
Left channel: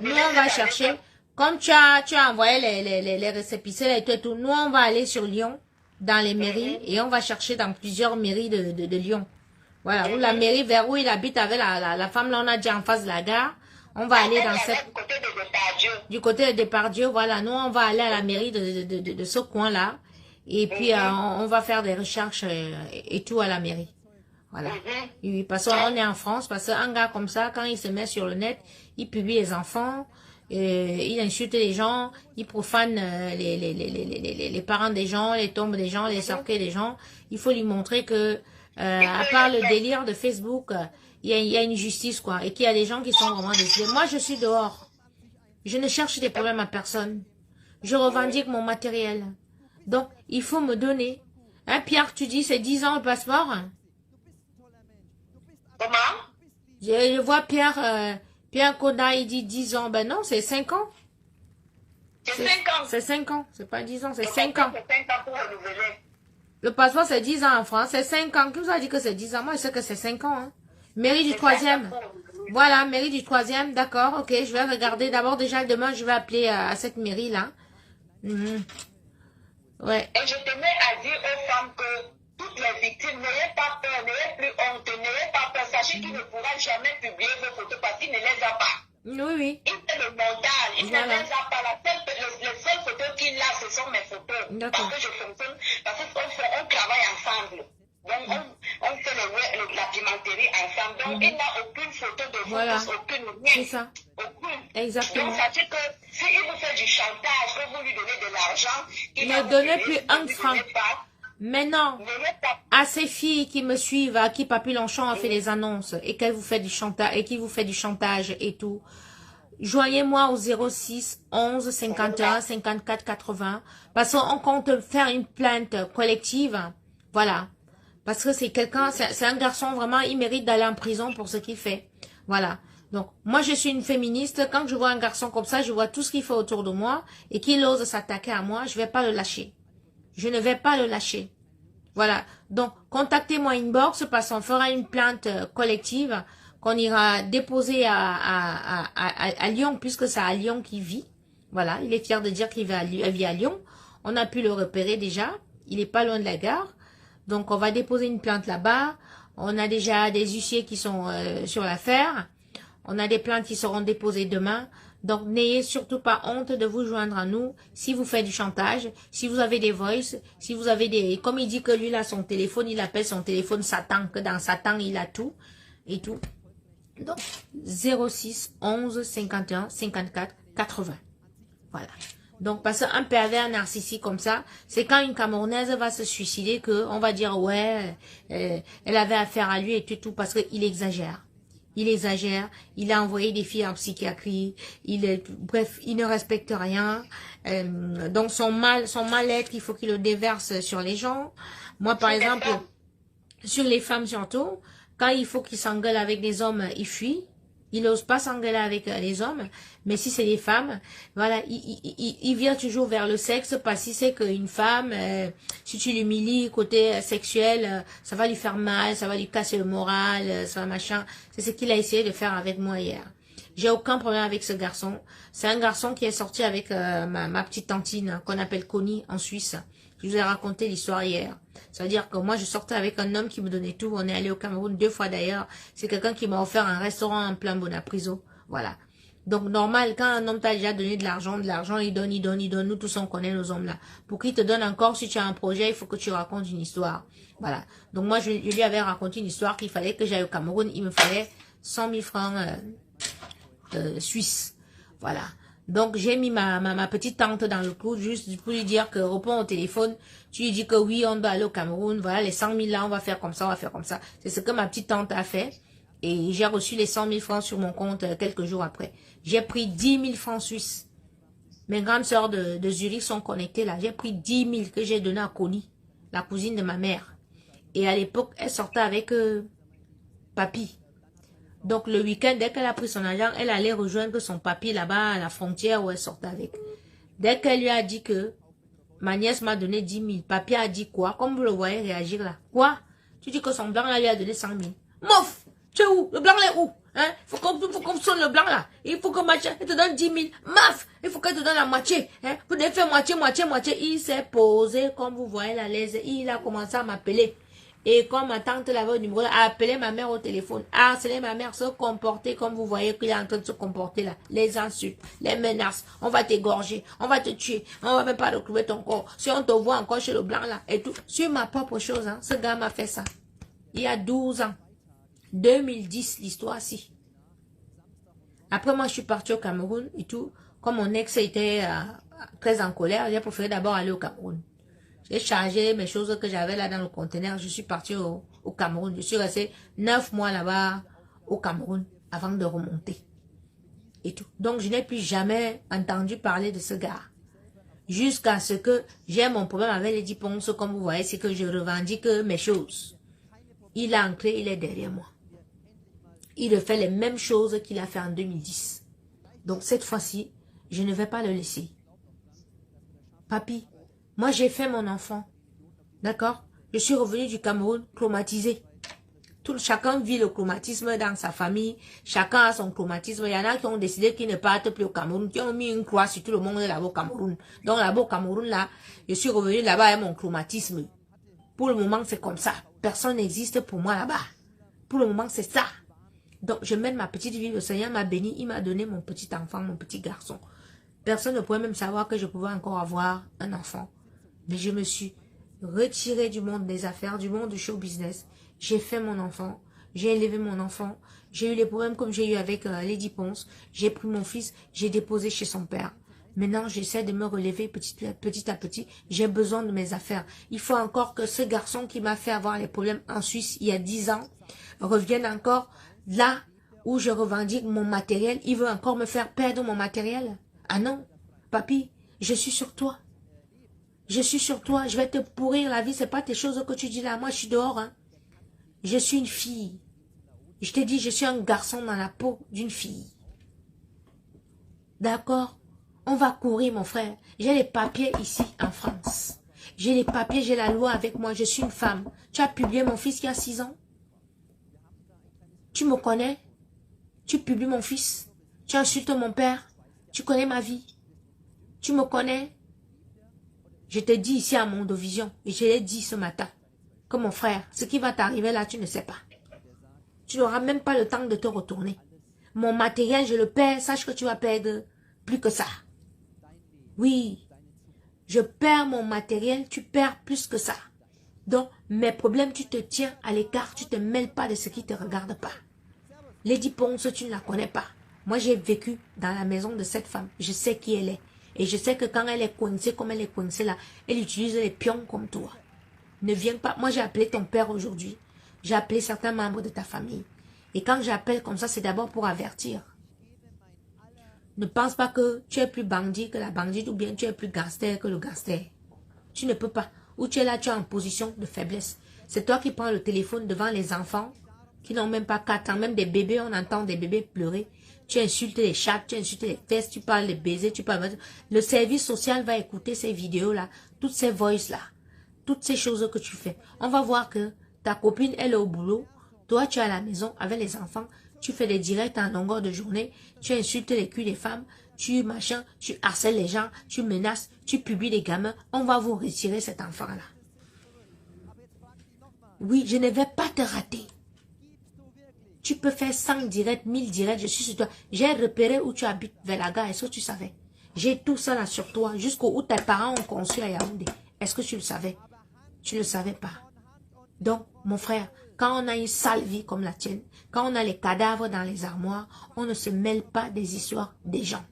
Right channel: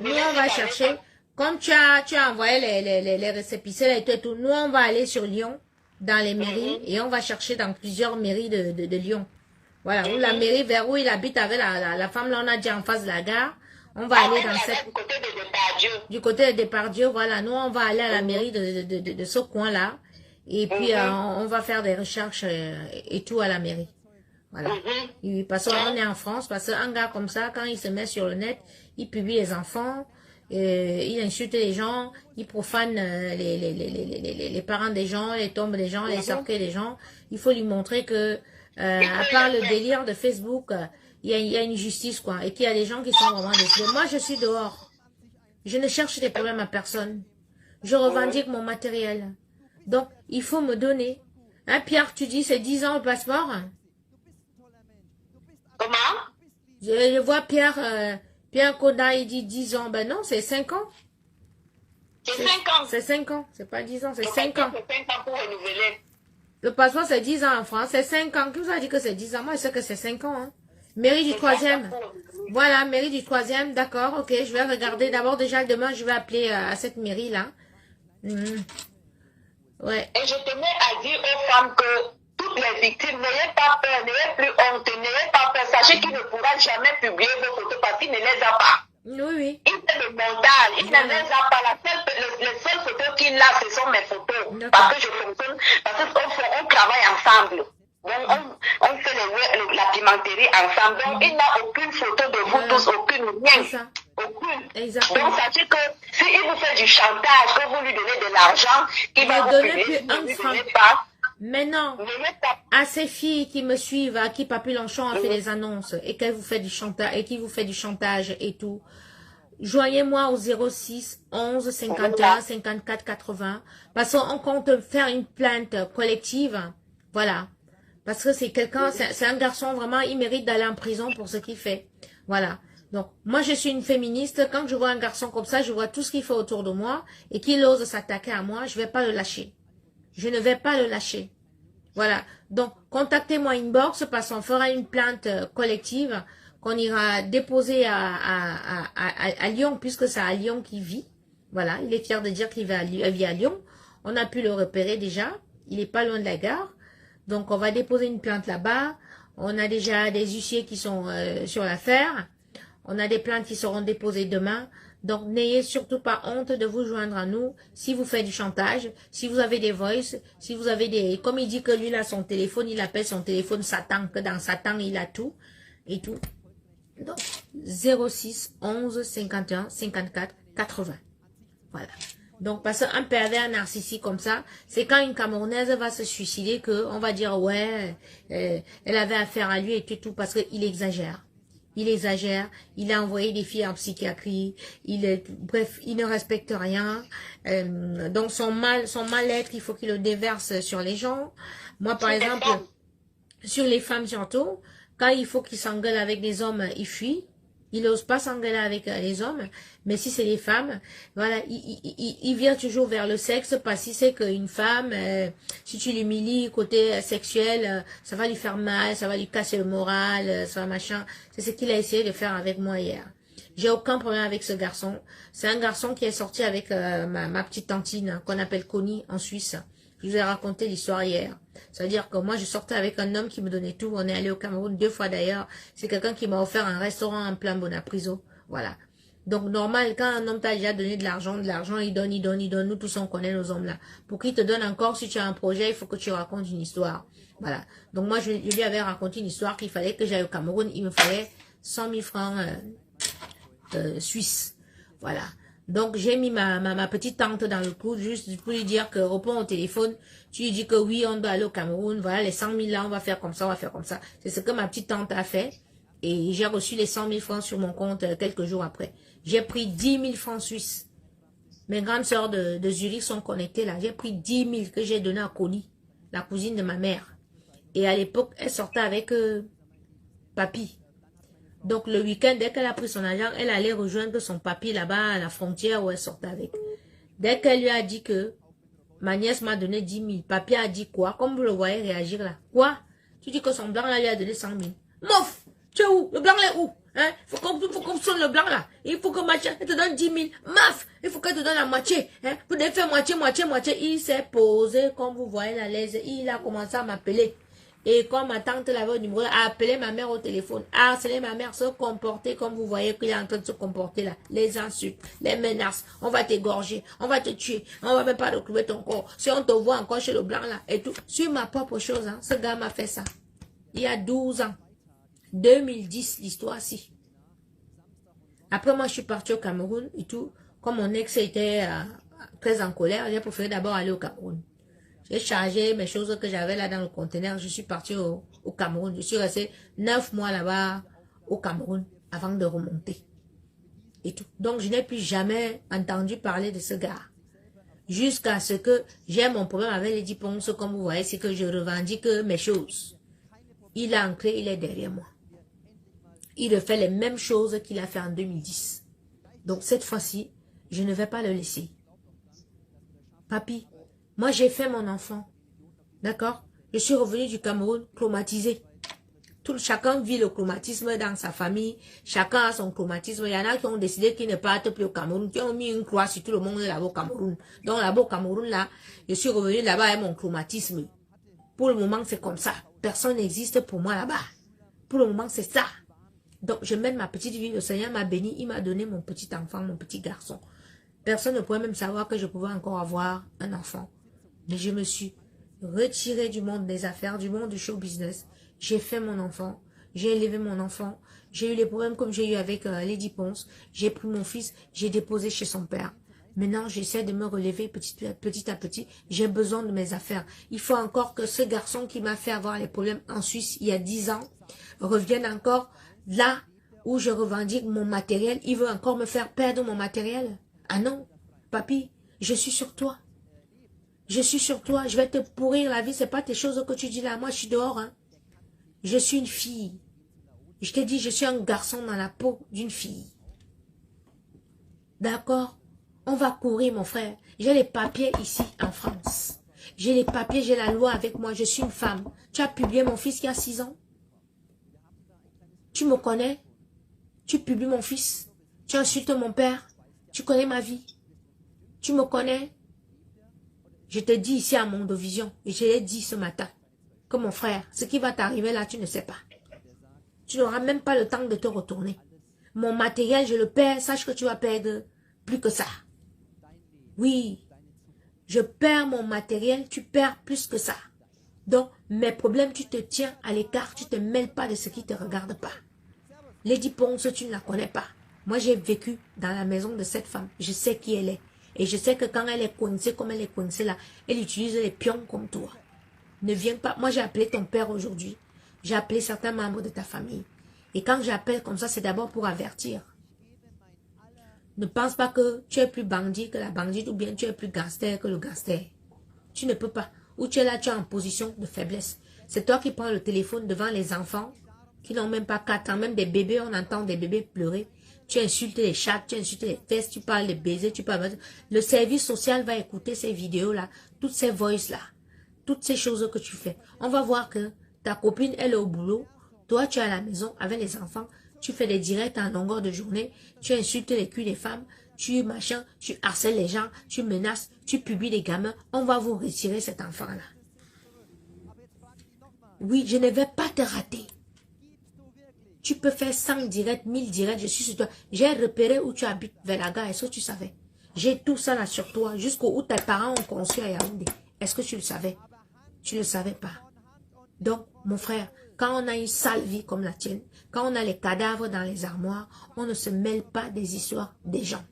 nous on va chercher, comme tu as envoyé les récépissés et tout, nous on va aller sur Lyon, dans les mairies, et on va chercher dans plusieurs mairies de Lyon. Voilà, où la mairie vers où il habite avec la femme, là on a déjà en face de la gare, on va aller dans cette... Du côté de Depardieu, voilà, nous on va aller à la mairie de ce coin-là, et puis on va faire des recherches et tout à la mairie. Voilà. Parce qu'on est en France, parce qu'un gars comme ça, quand il se met sur le net, il publie les enfants, il insulte les gens, il profane les parents des gens, les tombes des gens, les cercueils des gens. Il faut lui montrer que, à part le délire de Facebook, il y a une justice, quoi, et qu'il y a des gens qui sont vraiment décidés. Moi, je suis dehors. Je ne cherche des problèmes à personne. Je revendique mon matériel. Donc, il faut me donner. Hein, Pierre, tu dis, c'est 10 ans le passeport? Comment? Je vois Pierre Koda, il dit 10 ans. Ben non, c'est 5 ans. C'est 5 ans. C'est 5 ans. C'est pas 10 ans, c'est 5 ans. C'est 5 ans pour renouveler. Le passeport, c'est 10 ans en France. C'est 5 ans. Qui vous a dit que c'est 10 ans? Moi, je sais que c'est 5 ans. Hein. Mairie du 3e. Voilà, mairie du 3e. D'accord, ok. Je vais regarder. D'abord, déjà, demain, je vais appeler à cette mairie-là. Ouais. Et je tenais à dire aux femmes que toutes les victimes, n'ayez pas peur, n'ayez plus honte, n'ayez pas peur. Sachez qu'il ne pourra jamais publier vos photos parce qu'il ne les a pas. Oui. Il fait le montage, il ne les a pas. Les seules photos qu'il a, ce sont mes photos. Parce que je fonctionne, parce qu'on travaille ensemble. Donc, on fait la pimenterie ensemble. Donc, il n'a aucune photo de vous tous, aucune rien. Aucune. Exactement. Donc, sachez que s'il vous fait du chantage, que vous lui donnez de l'argent, qu'il va ne vous donnez payer, plus un franc. Maintenant, à ces filles qui me suivent, à qui Papy Longchamp a fait les annonces et qu'elle vous fait du chantage et qui vous fait du chantage et tout, joignez-moi au 06 11 51 54 80 parce qu'on compte faire une plainte collective. Voilà. Parce que c'est quelqu'un, c'est un garçon vraiment, il mérite d'aller en prison pour ce qu'il fait. Voilà. Donc, moi, je suis une féministe. Quand je vois un garçon comme ça, je vois tout ce qu'il fait autour de moi et qu'il ose s'attaquer à moi, je ne vais pas le lâcher. Je ne vais pas le lâcher. Voilà. Donc, contactez-moi inbox parce qu'on fera une plainte collective qu'on ira déposer à Lyon puisque c'est à Lyon qu'il vit. Voilà. Il est fier de dire qu'il vit à Lyon. On a pu le repérer déjà. Il n'est pas loin de la gare. Donc, on va déposer une plainte là-bas. On a déjà des huissiers qui sont sur l'affaire. On a des plaintes qui seront déposées demain. Donc, n'ayez surtout pas honte de vous joindre à nous si vous faites du chantage, si vous avez des voices, si vous avez des... Comme il dit que lui, il a son téléphone, il appelle son téléphone Satan, que dans Satan, il a tout et tout. Donc, 06 11 51 54 80. Voilà. Donc, parce qu'un pervers narcissique comme ça, c'est quand une Camerounaise va se suicider qu'on va dire, ouais, elle avait affaire à lui et tout, parce qu'il exagère. Il exagère, il a envoyé des filles en psychiatrie, bref, il ne respecte rien. Donc, son mal-être, il faut qu'il le déverse sur les gens. Moi, par exemple, Sur les femmes surtout, quand il faut qu'ils s'engueulent avec des hommes, ils fuient. Ils n'osent pas s'engueuler avec les hommes. Mais si c'est les femmes, voilà, il vient toujours vers le sexe parce qu'il sait qu'une femme, si tu l'humilies côté sexuel, ça va lui faire mal, ça va lui casser le moral, ça va machin. C'est ce qu'il a essayé de faire avec moi hier. J'ai aucun problème avec ce garçon. C'est un garçon qui est sorti avec ma petite tantine qu'on appelle Connie en Suisse. Je vous ai raconté l'histoire hier. C'est-à-dire que moi, je sortais avec un homme qui me donnait tout. On est allé au Cameroun 2 fois d'ailleurs. C'est quelqu'un qui m'a offert un restaurant en plein Bonapriso. Voilà. Donc, normal, quand un homme t'a déjà donné de l'argent, il donne. Nous tous, on connaît nos hommes là. Pour qu'il te donne encore, si tu as un projet, il faut que tu racontes une histoire. Voilà. Donc, moi, je lui avais raconté une histoire qu'il fallait que j'aille au Cameroun. Il me fallait 100 000 francs suisses. Voilà. Donc, j'ai mis ma petite tante dans le coup, juste pour lui dire que réponds au téléphone, tu lui dis que oui, on doit aller au Cameroun, voilà, les 100 000 là, on va faire comme ça, on va faire comme ça. C'est ce que ma petite tante a fait. Et j'ai reçu les 100 000 francs sur mon compte quelques jours après. J'ai pris 10 000 francs suisses. Mes grandes sœurs de Zurich sont connectées là. J'ai pris 10 000 que j'ai donné à Connie, la cousine de ma mère. Et à l'époque, elle sortait avec papy. Donc, le week-end, dès qu'elle a pris son argent, elle allait rejoindre son papy là-bas à la frontière où elle sortait avec. Dès qu'elle lui a dit que ma nièce m'a donné 10 000, papy a dit quoi? Comme vous le voyez réagir là. Quoi? Tu dis que son blanc là lui a donné 100 000. Mouf! Tu es où? Le blanc là est où? Hein? Faut qu'on sonne le blanc là. Il faut que Mathieu te donne 10 000. Maf! Il faut qu'elle te donne la moitié. Hein? Vous devez faire moitié. Il s'est posé, comme vous voyez la laisse. Il a commencé à m'appeler. Et quand ma tante l'avait au numéro, a appelé ma mère au téléphone, a harcelé ma mère, se comporter comme vous voyez qu'il est en train de se comporter là. Les insultes, les menaces, on va t'égorger, on va te tuer, on va même pas retrouver ton corps. Si on te voit encore chez le blanc là, et tout. Sur ma propre chose, hein, ce gars m'a fait ça. Il y a 12 ans. 2010, l'histoire-ci. Après, moi, je suis partie au Cameroun et tout. Comme mon ex était très en colère, j'ai préféré d'abord aller au Cameroun. J'ai chargé mes choses que j'avais là dans le conteneur. Je suis partie au Cameroun. Je suis restée 9 mois là-bas au Cameroun avant de remonter. Et tout. Donc, je n'ai plus jamais entendu parler de ce gars. Jusqu'à ce que j'ai mon problème avec les Ponce, comme vous voyez, c'est que je revendique mes choses. Il est ancré, il est derrière moi. Il fait les mêmes choses qu'il a fait en 2010. Donc, cette fois-ci, je ne vais pas le laisser. Papy, moi, j'ai fait mon enfant. D'accord? Je suis revenue du Cameroun traumatisée. Chacun vit le traumatisme dans sa famille. Chacun a son traumatisme. Il y en a qui ont décidé qu'ils ne partent plus au Cameroun. Qui ont mis une croix sur tout le monde là-bas au Cameroun. Donc, là-bas au Cameroun, là, je suis revenue là-bas avec mon traumatisme. Pour le moment, c'est comme ça. Personne n'existe pour moi là-bas. Pour le moment, c'est ça. Donc, je mène ma petite vie. Le Seigneur m'a béni. Il m'a donné mon petit enfant, mon petit garçon. Personne ne pouvait même savoir que je pouvais encore avoir un enfant. Mais je me suis retirée du monde des affaires, du monde du show business. J'ai fait mon enfant. J'ai élevé mon enfant. J'ai eu les problèmes comme j'ai eu avec Lady Ponce. J'ai pris mon fils. J'ai déposé chez son père. Maintenant, j'essaie de me relever petit à petit. J'ai besoin de mes affaires. Il faut encore que ce garçon qui m'a fait avoir les problèmes en Suisse il y a 10 ans revienne encore là où je revendique mon matériel. Il veut encore me faire perdre mon matériel. Ah non, papy, je suis sur toi. Je suis sur toi, je vais te pourrir la vie, c'est pas tes choses que tu dis là, moi je suis dehors. Hein. Je suis une fille. Je te dis, je suis un garçon dans la peau d'une fille. D'accord? On va courir mon frère. J'ai les papiers ici en France. J'ai les papiers, j'ai la loi avec moi, je suis une femme. Tu as publié mon fils il y a 6 ans? Tu me connais? Tu publies mon fils? Tu insultes mon père? Tu connais ma vie? Tu me connais? Je te dis ici à Mondovision, et je l'ai dit ce matin, que mon frère, ce qui va t'arriver là, tu ne sais pas. Tu n'auras même pas le temps de te retourner. Mon matériel, je le perds, sache que tu vas perdre plus que ça. Oui, je perds mon matériel, tu perds plus que ça. Donc, mes problèmes, tu te tiens à l'écart, tu ne te mêles pas de ce qui ne te regarde pas. Lady Ponce, tu ne la connais pas. Moi, j'ai vécu dans la maison de cette femme. Je sais qui elle est. Et je sais que quand elle est coincée comme elle est coincée là, elle utilise les pions comme toi. Ne viens pas. Moi, j'ai appelé ton père aujourd'hui. J'ai appelé certains membres de ta famille. Et quand j'appelle comme ça, c'est d'abord pour avertir. Ne pense pas que tu es plus bandit que la bandite ou bien tu es plus gangster que le gangster. Tu ne peux pas. Ou tu es là, tu es en position de faiblesse. C'est toi qui prends le téléphone devant les enfants qui n'ont même pas 4 ans, même des bébés, on entend des bébés pleurer. Tu insultes les chats, tu insultes les fesses, tu parles de baisers, tu parles... Le service social va écouter ces vidéos-là, toutes ces voices-là, toutes ces choses que tu fais. On va voir que ta copine, elle est au boulot, toi, tu es à la maison avec les enfants, tu fais des directs en longueur de journée, tu insultes les culs des femmes, tu machin, tu harcèles les gens, tu menaces, tu publies des gamins, on va vous retirer cet enfant-là. Oui, je ne vais pas te rater. Tu peux faire 100 directs, 1000 directs, je suis sur toi. J'ai repéré où tu habites, vers la gare, est-ce que tu savais? J'ai tout ça là sur toi, jusqu'où où tes parents ont conçu à Yaoundé. Est-ce que tu le savais? Tu ne le savais pas. Donc, mon frère, quand on a une sale vie comme la tienne, quand on a les cadavres dans les armoires, on ne se mêle pas des histoires des gens.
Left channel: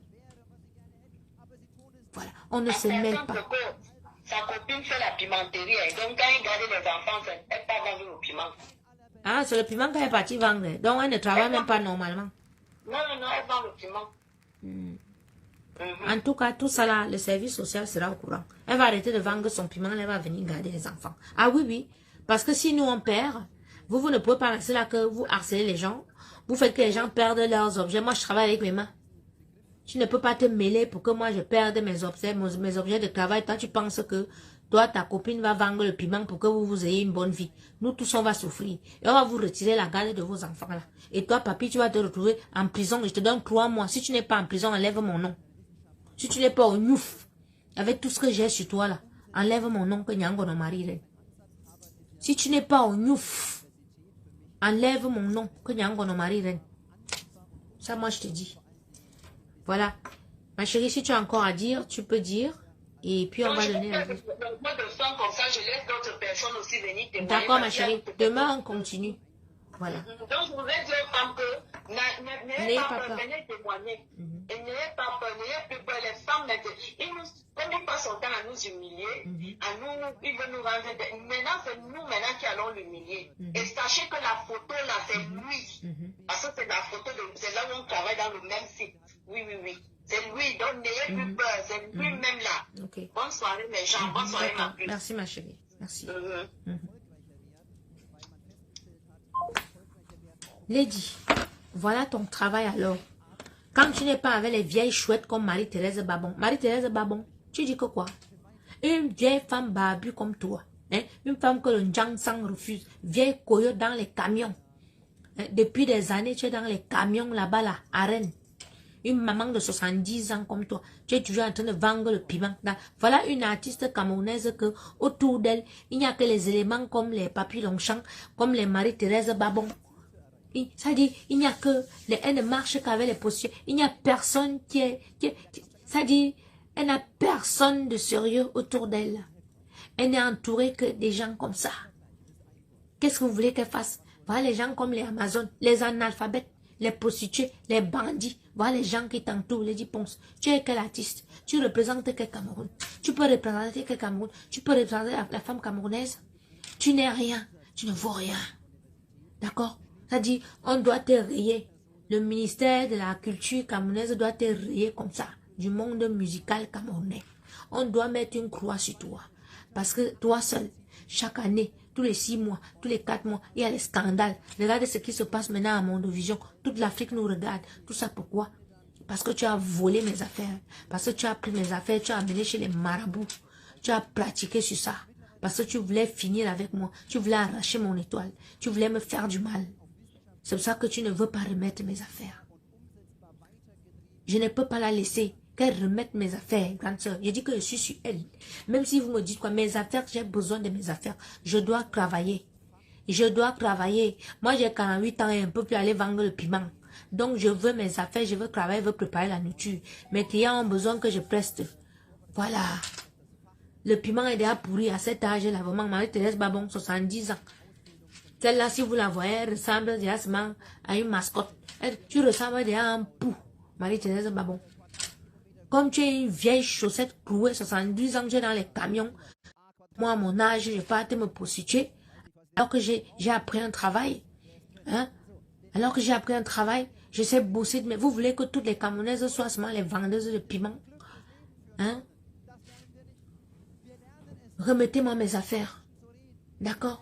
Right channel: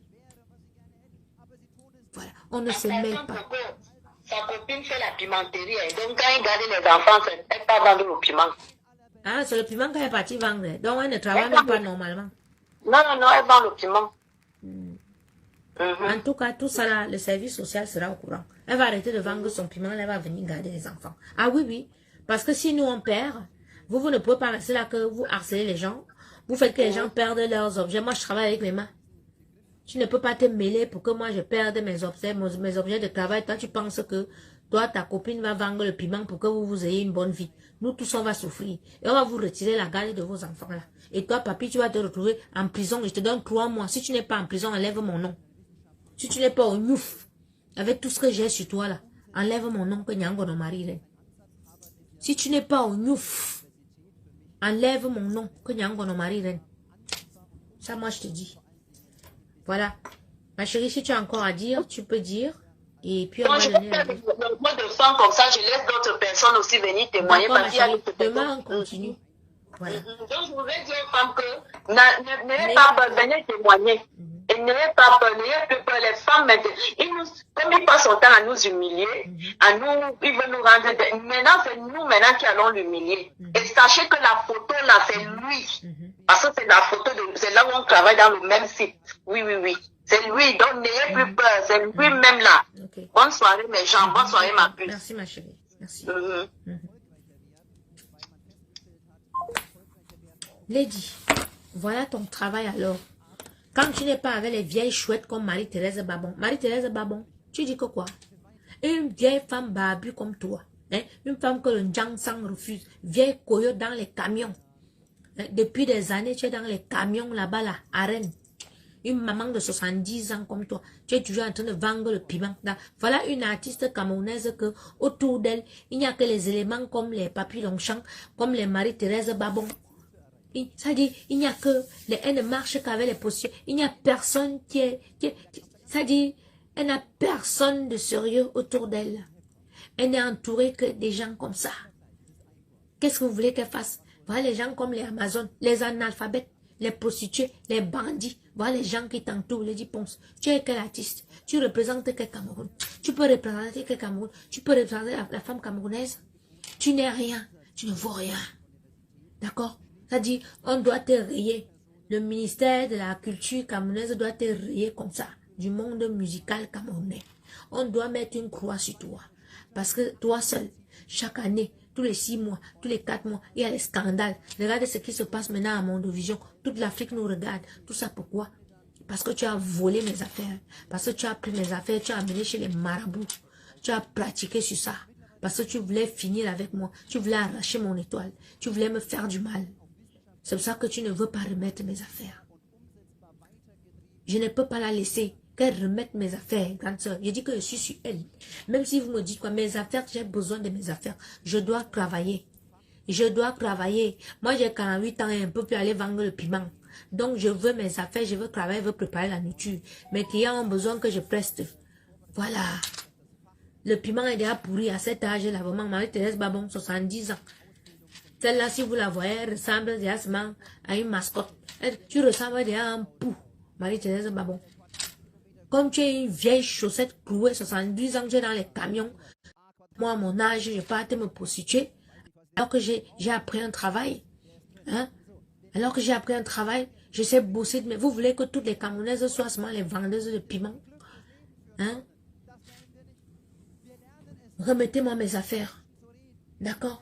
Voilà, on ne se mêle pas. Sa copine fait la pimenterie, donc quand il garde les enfants, elle ne peut pas vendre le piment. Ah, c'est le piment qu'elle est partie vendre. Donc, elle ne travaille même pas normalement. Non, elle vend le piment. En tout cas, tout ça là, le service social sera au courant. Elle va arrêter de vendre son piment, elle va venir garder les enfants. Ah oui, oui. Parce que si nous on perd, vous ne pouvez pas rester là que vous harcelez les gens. Vous faites que les gens perdent leurs objets. Moi, je travaille avec mes mains. Tu ne peux pas te mêler pour que moi je perde mes objets de travail. Toi, tu penses que toi, ta copine va vendre le piment pour que vous ayez une bonne vie. Nous tous, on va souffrir. Et on va vous retirer la garde de vos enfants là. Et toi, papy, tu vas te retrouver en prison. Je te donne 3 mois. Si tu n'es pas en prison, enlève mon nom. Si tu n'es pas au Nyouf, avec tout ce que j'ai sur toi là, enlève mon nom que Nyango no Marie. Si tu n'es pas au Nyouf, enlève mon nom que Nyango no Marie. Ça, moi, je te dis. Voilà. Ma chérie, si tu as encore à dire, tu peux dire. Et puis, on va donner la vie. Moi, de femmes comme ça, je laisse d'autres personnes aussi venir témoigner. D'accord, ma chérie. Demain, on continue. Voilà. Donc, je voudrais dire aux femmes que n'ayez pas peur, venez témoigner. Et n'ayez pas peur, n'ayez plus peur. Les femmes, maintenant, comme ils passent son temps à nous humilier, ils veulent nous rendre... Maintenant, c'est nous qui allons l'humilier. Et sachez que la photo, là, c'est lui. Parce que c'est la photo, c'est là où on travaille dans le même site. Oui, oui, oui. C'est lui, donc n'ayez plus peur. C'est lui-même là. Okay. Bonne soirée, mes gens. Bonne soirée, ma puce. Merci, ma chérie. Merci. Lady, voilà ton travail alors. Quand tu n'es pas avec les vieilles chouettes comme Marie-Thérèse Babon. Marie-Thérèse Babon, tu dis que quoi? Une vieille femme barbue comme toi. Hein? Une femme que le Njangsang refuse. Vieille coyote dans les camions. Hein? Depuis des années, tu es dans les camions là-bas, là, à Rennes. Une maman de 70 ans comme toi. Tu es toujours en train de vendre le piment. Voilà une artiste camerounaise que autour d'elle, il n'y a que les éléments comme les Papy Longchamp, comme les Marie-Thérèse Babon. Ça dit, il n'y a que, elle ne marche qu'avec les postures. Il n'y a personne ça dit, elle n'a personne de sérieux autour d'elle. Elle n'est entourée que des gens comme ça. Qu'est-ce que vous voulez qu'elle fasse? Voilà les gens comme les Amazones, les analphabètes, les prostituées, les bandits. Voilà les gens qui t'entourent, les Diponce. Tu es quel artiste? Tu représentes quel Cameroun? Tu peux représenter quel Cameroun? Tu peux représenter la femme camerounaise? Tu n'es rien. Tu ne vaux rien. D'accord? Ça dit, on doit te rayer. Le ministère de la culture camerounaise doit te rayer comme ça. Du monde musical camerounais. On doit mettre une croix sur toi. Parce que toi seul, chaque année, tous les 6 mois, tous les 4 mois, il y a des scandales. Regardez ce qui se passe maintenant à Mondovision. Toute l'Afrique nous regarde. Tout ça pourquoi? Parce que tu as volé mes affaires. Parce que tu as pris mes affaires, tu as amené chez les marabouts. Tu as pratiqué sur ça. Parce que tu voulais finir avec moi. Tu voulais arracher mon étoile. Tu voulais me faire du mal. C'est pour ça que tu ne veux pas remettre mes affaires. Je ne peux pas la laisser qu'elle remette mes affaires, grande soeur. Je dis que je suis sur elle. Même si vous me dites quoi, mes affaires, j'ai besoin de mes affaires. Je dois travailler. Je dois travailler. Moi, j'ai 48 ans et un peu plus aller vendre le piment. Donc, je veux mes affaires, je veux travailler, je veux préparer la nourriture. Mes clients ont besoin que je preste. Voilà. Le piment est déjà pourri à cet âge-là. Vraiment, Marie-Thérèse Babon, 70 ans. Celle-là, si vous la voyez, elle ressemble déjà à une mascotte. Tu ressembles déjà à un pou. Marie-Thérèse Babon. Comme tu es une vieille chaussette clouée, 70 ans, tu es dans les camions. Moi, à mon âge, je pars me prostituer. Alors que j'ai appris un travail. Hein? Alors que j'ai appris un travail, je sais bosser. Mais vous voulez que toutes les Camerounaises soient seulement les vendeuses de piment? Hein? Remettez-moi mes affaires. D'accord?